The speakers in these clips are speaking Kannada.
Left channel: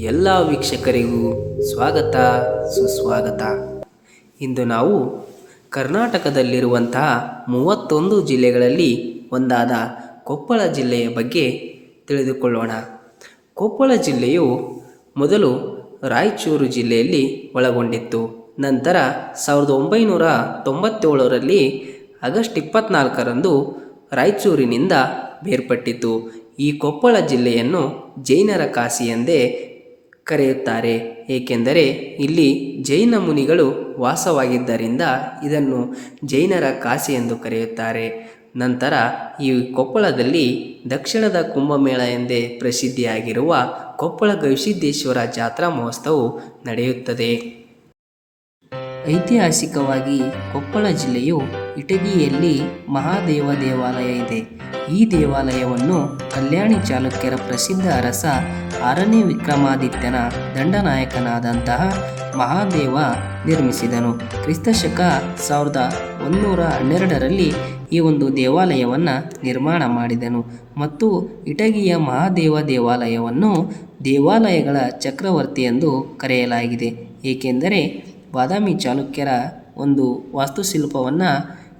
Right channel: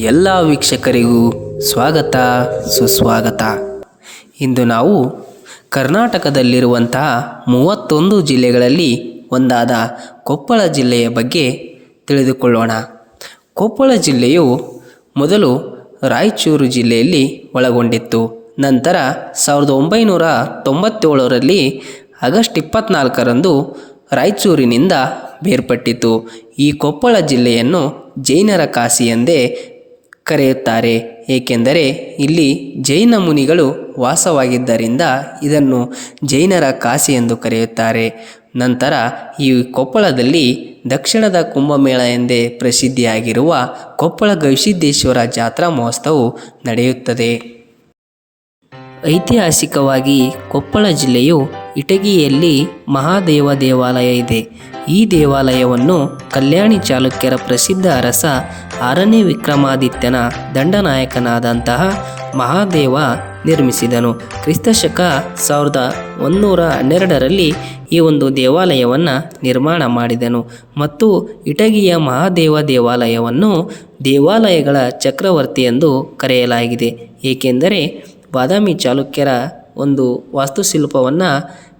ಎಲ್ಲ ವೀಕ್ಷಕರಿಗೂ ಸ್ವಾಗತ ಸುಸ್ವಾಗತ. ಇಂದು ನಾವು ಕರ್ನಾಟಕದಲ್ಲಿರುವಂತಹ 31 ಜಿಲ್ಲೆಗಳಲ್ಲಿ ಒಂದಾದ ಕೊಪ್ಪಳ ಜಿಲ್ಲೆಯ ಬಗ್ಗೆ ತಿಳಿದುಕೊಳ್ಳೋಣ. ಕೊಪ್ಪಳ ಜಿಲ್ಲೆಯು ಮೊದಲು ರಾಯಚೂರು ಜಿಲ್ಲೆಯಲ್ಲಿ ಒಳಗೊಂಡಿತ್ತು. ನಂತರ 1997ರಲ್ಲಿ ಆಗಸ್ಟ್ 24ರಂದು ರಾಯಚೂರಿನಿಂದ ಬೇರ್ಪಟ್ಟಿತು. ಈ ಕೊಪ್ಪಳ ಜಿಲ್ಲೆಯನ್ನು ಜೈನರ ಕಾಶಿ ಎಂದೇ ಕರೆಯುತ್ತಾರೆ. ಏಕೆಂದರೆ ಇಲ್ಲಿ ಜೈನ ಮುನಿಗಳು ವಾಸವಾಗಿದ್ದರಿಂದ ಇದನ್ನು ಜೈನರ ಕಾಶಿ ಎಂದು ಕರೆಯುತ್ತಾರೆ. ನಂತರ ಈ ಕೊಪ್ಪಳದಲ್ಲಿ ದಕ್ಷಿಣದ ಕುಂಭಮೇಳ ಎಂದೇ ಪ್ರಸಿದ್ಧಿಯಾಗಿರುವ ಕೊಪ್ಪಳ ಗವಿಸಿದ್ದೇಶ್ವರ ಜಾತ್ರಾ ಮಹೋತ್ಸವವು ನಡೆಯುತ್ತದೆ. ಐತಿಹಾಸಿಕವಾಗಿ ಕೊಪ್ಪಳ ಜಿಲ್ಲೆಯು ಇಟಗಿಯಲ್ಲಿ ಮಹಾದೇವ ದೇವಾಲಯ ಇದೆ. ಈ ದೇವಾಲಯವನ್ನು ಕಲ್ಯಾಣಿ ಚಾಲುಕ್ಯರ ಪ್ರಸಿದ್ಧ ಅರಸ 6ನೇ ವಿಕ್ರಮಾದಿತ್ಯನ ದಂಡನಾಯಕನಾದಂತಹ ಮಹಾದೇವ ನಿರ್ಮಿಸಿದನು. ಕ್ರಿಸ್ತಶಕ 1112ರಲ್ಲಿ ಈ ಒಂದು ದೇವಾಲಯವನ್ನು ನಿರ್ಮಾಣ ಮಾಡಿದನು ಮತ್ತು ಇಟಗಿಯ ಮಹಾದೇವ ದೇವಾಲಯವನ್ನು ದೇವಾಲಯಗಳ ಚಕ್ರವರ್ತಿ ಎಂದು ಕರೆಯಲಾಗಿದೆ. ಏಕೆಂದರೆ ಬಾದಾಮಿ ಚಾಲುಕ್ಯರ ಒಂದು ವಾಸ್ತುಶಿಲ್ಪವನ್ನು,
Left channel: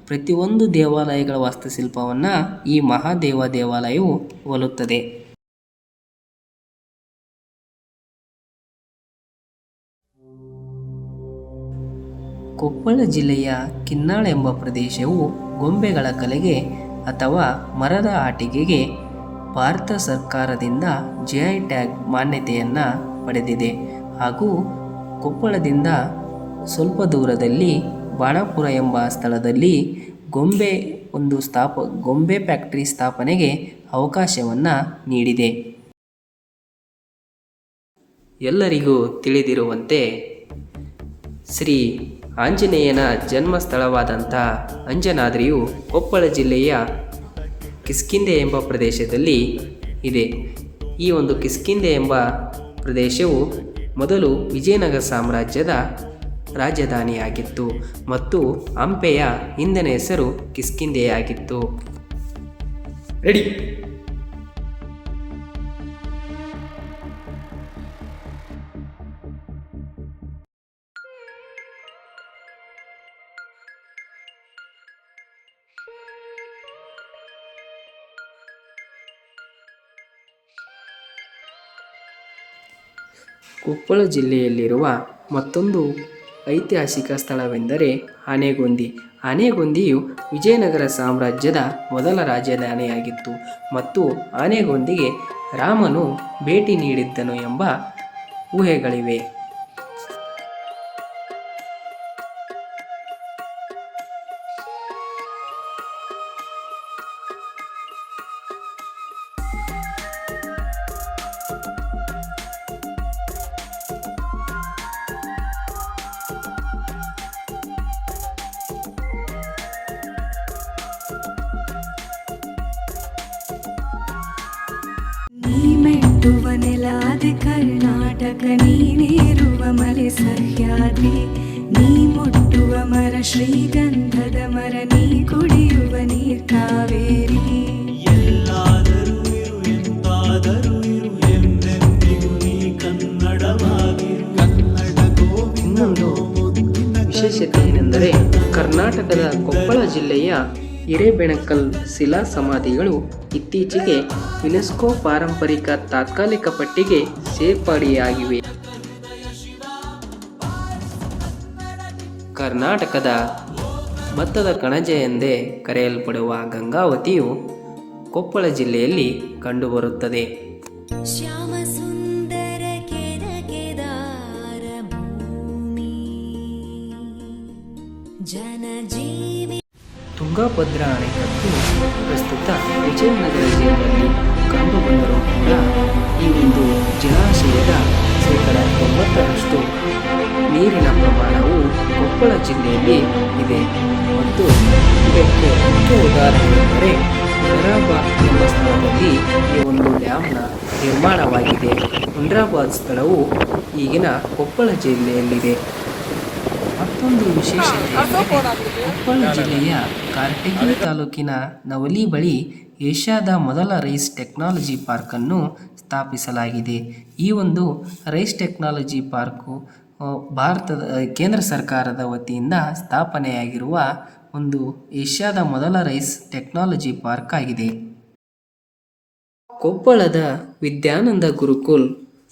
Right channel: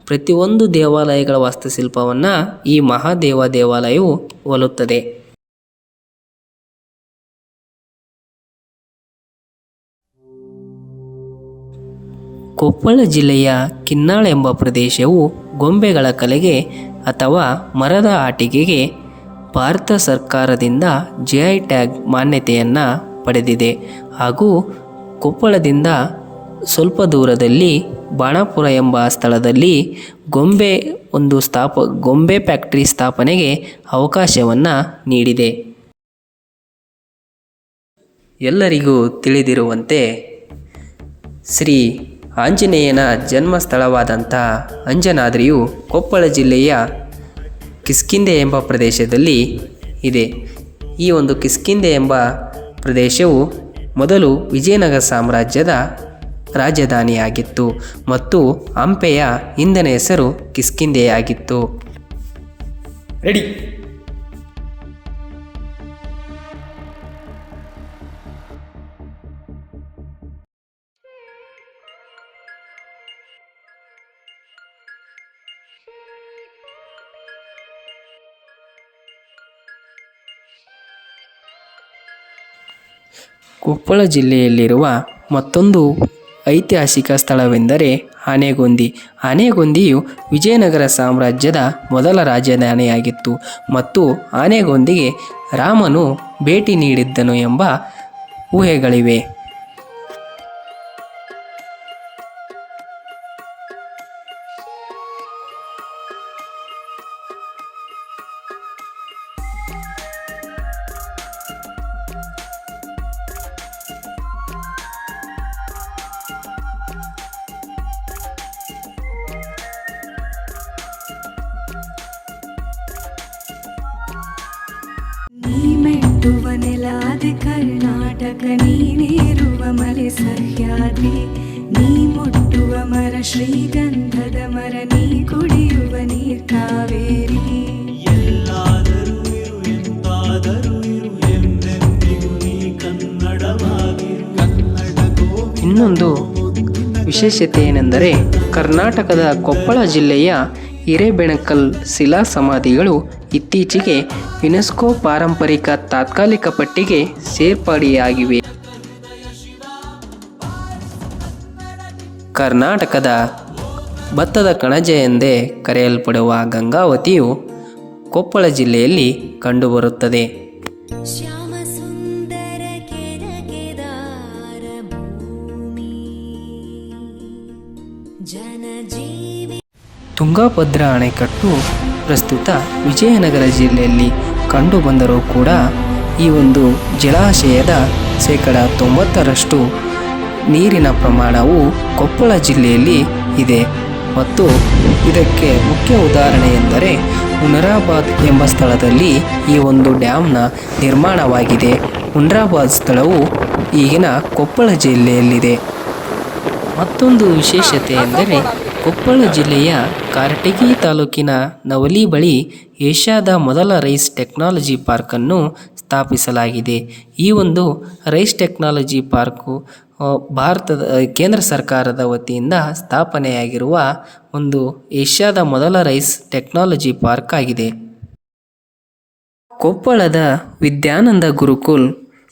ಪ್ರತಿಯೊಂದು ದೇವಾಲಯಗಳ ವಾಸ್ತುಶಿಲ್ಪವನ್ನು ಈ ಮಹಾದೇವ ದೇವಾಲಯವು ಹೋಲುತ್ತದೆ. ಕೊಪ್ಪಳ ಜಿಲ್ಲೆಯ ಕಿನ್ನಾಳ ಎಂಬ ಪ್ರದೇಶವು ಗೊಂಬೆಗಳ ಕಲೆಗೆ ಅಥವಾ ಮರದ ಆಟಿಕೆಗೆ ಭಾರತ ಸರ್ಕಾರದಿಂದ GI ಟ್ಯಾಗ್ ಮಾನ್ಯತೆಯನ್ನು ಪಡೆದಿದೆ. ಹಾಗೂ ಕೊಪ್ಪಳದಿಂದ ಸ್ವಲ್ಪ ದೂರದಲ್ಲಿ ಬಾಣಾಪುರ ಎಂಬ ಸ್ಥಳದಲ್ಲಿ ಗೊಂಬೆ ಫ್ಯಾಕ್ಟರಿ ಸ್ಥಾಪನೆಗೆ ಅವಕಾಶವನ್ನು ನೀಡಿದೆ. ಎಲ್ಲರಿಗೂ ತಿಳಿದಿರುವಂತೆ ಶ್ರೀ ಆಂಜನೇಯನ ಜನ್ಮಸ್ಥಳವಾದಂಥ ಅಂಜನಾದ್ರಿಯು ಕೊಪ್ಪಳ ಜಿಲ್ಲೆಯ ಕಿಷ್ಕಿಂಧೆ ಎಂಬ ಪ್ರದೇಶದಲ್ಲಿ ಇದೆ. ಈ ಒಂದು ಕಿಷ್ಕಿಂಧೆ ಎಂಬ ಪ್ರದೇಶವು ಮೊದಲು ವಿಜಯನಗರ ಸಾಮ್ರಾಜ್ಯದ ರಾಜಧಾನಿಯಾಗಿತ್ತು ಮತ್ತು ಹಂಪೆಯ ಹಿಂದಿನ ಹೆಸರು ಕಿಷ್ಕಿಂಧೆಯಾಗಿತ್ತು. ರೆಡಿ. ಕೊಪ್ಪಳ ಜಿಲ್ಲೆಯಲ್ಲಿರುವ ಮತ್ತೊಂದು ಐತಿಹಾಸಿಕ ಸ್ಥಳವೆಂದರೆ ಆನೆಗೊಂದಿ. ಆನೆಗೊಂದಿಯು ವಿಜಯನಗರ ಸಾಮ್ರಾಜ್ಯದ ಮೊದಲ ರಾಜಧಾನಿಯಾಗಿತ್ತು ಮತ್ತು ಆನೆಗೊಂದಿಗೆ ರಾಮನು ಭೇಟಿ ನೀಡಿದ್ದನು ಎಂಬ ಊಹೆಗಳಿವೆ. ಮೆಟ್ಟುವ ನೆಲಾದೆ ಕರ್ನಾಟಕ, ನೀನೇರುವ ಮಲೆ ಸಹ್ಯಾದ್ರಿ, ನೀ ಮುಟ್ಟುವ ಮರ ಶ್ರೀಗಂಧದ ಮರ, ನೀ ಕುಡಿಯುವ ನೀರ್ ಕಾವೇರಿ. ಎಲ್ಲಾದರೂ ಇರು ಎಂತಾದರೂ ಇರು, ಎಂದೆಂದಿಗೂ ನೀ ಕನ್ನಡವಾಗಿರು. ಇನ್ನೊಂದು ವಿಶೇಷತೆ ಏನೆಂದರೆ ಕರ್ನಾಟಕದ ಕೊಪ್ಪಳ ಜಿಲ್ಲೆಯ ಹಿರೇಬೆಣಕಲ್ ಶಿಲಾ ಸಮಾಧಿಗಳು ಇತ್ತೀಚೆಗೆ ಯುನೆಸ್ಕೋ ಪಾರಂಪರಿಕ ತಾತ್ಕಾಲಿಕ ಪಟ್ಟಿಗೆ ಸೇರ್ಪಡೆಯಾಗಿವೆ. ಕರ್ನಾಟಕದ ಭತ್ತದ ಕಣಜ ಎಂದೇ ಕರೆಯಲ್ಪಡುವ ಗಂಗಾವತಿಯು ಕೊಪ್ಪಳ ಜಿಲ್ಲೆಯಲ್ಲಿ ಕಂಡುಬರುತ್ತದೆ. ತುಂಗಭದ್ರಾ ಅಣೆಕಟ್ಟು ಪ್ರಸ್ತುತ ವಿಜಯನಗರ ಜಿಲ್ಲೆಯಲ್ಲಿ ಕಂಡುಬಂದರೂ ಕೂಡ ಈ ಒಂದು ಜಲಾಶಯದ 90% ನೀರಿನ ಪ್ರಮಾಣವು ಕೊಪ್ಪಳ ಜಿಲ್ಲೆಯಲ್ಲಿ ಇದೆ ಮತ್ತು ಇದಕ್ಕೆ ಮುಖ್ಯ ಉದಾಹರಣೆ ಎಂದರೆ ಹುನರಾಬಾದ್ ಎಂಬ ಸ್ಥಳದಲ್ಲಿ ಈ ಒಂದು ಡ್ಯಾಮ್ನ ನಿರ್ಮಾಣವಾಗಿದೆ. ಹುನರಾಬಾದ್ ಸ್ಥಳವು ಈಗಿನ ಕೊಪ್ಪಳ ಜಿಲ್ಲೆಯಲ್ಲಿದೆ. ಮತ್ತೊಂದು ವಿಶೇಷತೆ ಎಂದರೆ ಕೊಪ್ಪಳ ಜಿಲ್ಲೆಯ ಕಾರಟಗಿ ತಾಲೂಕಿನ ನವಲಿ ಬಳಿ ಏಷ್ಯಾದ ಮೊದಲ ರೈಸ್ ಟೆಕ್ನಾಲಜಿ ಪಾರ್ಕನ್ನು ಸ್ಥಾಪಿಸಲಾಗಿದೆ. ಈ ಒಂದು ರೈಸ್ ಟೆಕ್ನಾಲಜಿ ಪಾರ್ಕು ಭಾರತದ ಕೇಂದ್ರ ಸರ್ಕಾರದ ವತಿಯಿಂದ ಸ್ಥಾಪನೆಯಾಗಿರುವ ಒಂದು ಏಷ್ಯಾದ ಮೊದಲ ರೈಸ್ ಟೆಕ್ನಾಲಜಿ ಪಾರ್ಕ್ ಆಗಿದೆ. ಕೊಪ್ಪಳದ ವಿದ್ಯಾನಂದ ಗುರುಕುಲ್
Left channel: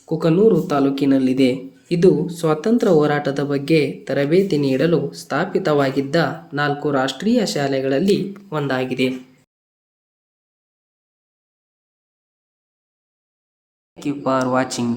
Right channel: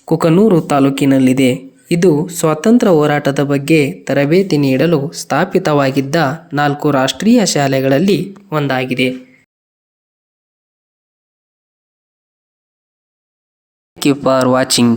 ಕುಕನೂರು ತಾಲೂಕಿನಲ್ಲಿದೆ. ಇದು ಸ್ವಾತಂತ್ರ್ಯ ಹೋರಾಟದ ಬಗ್ಗೆ ತರಬೇತಿ ನೀಡಲು ಸ್ಥಾಪಿತವಾಗಿದ್ದ 4 ರಾಷ್ಟ್ರೀಯ ಶಾಲೆಗಳಲ್ಲಿ ಒಂದಾಗಿದೆ. Thank you for watching.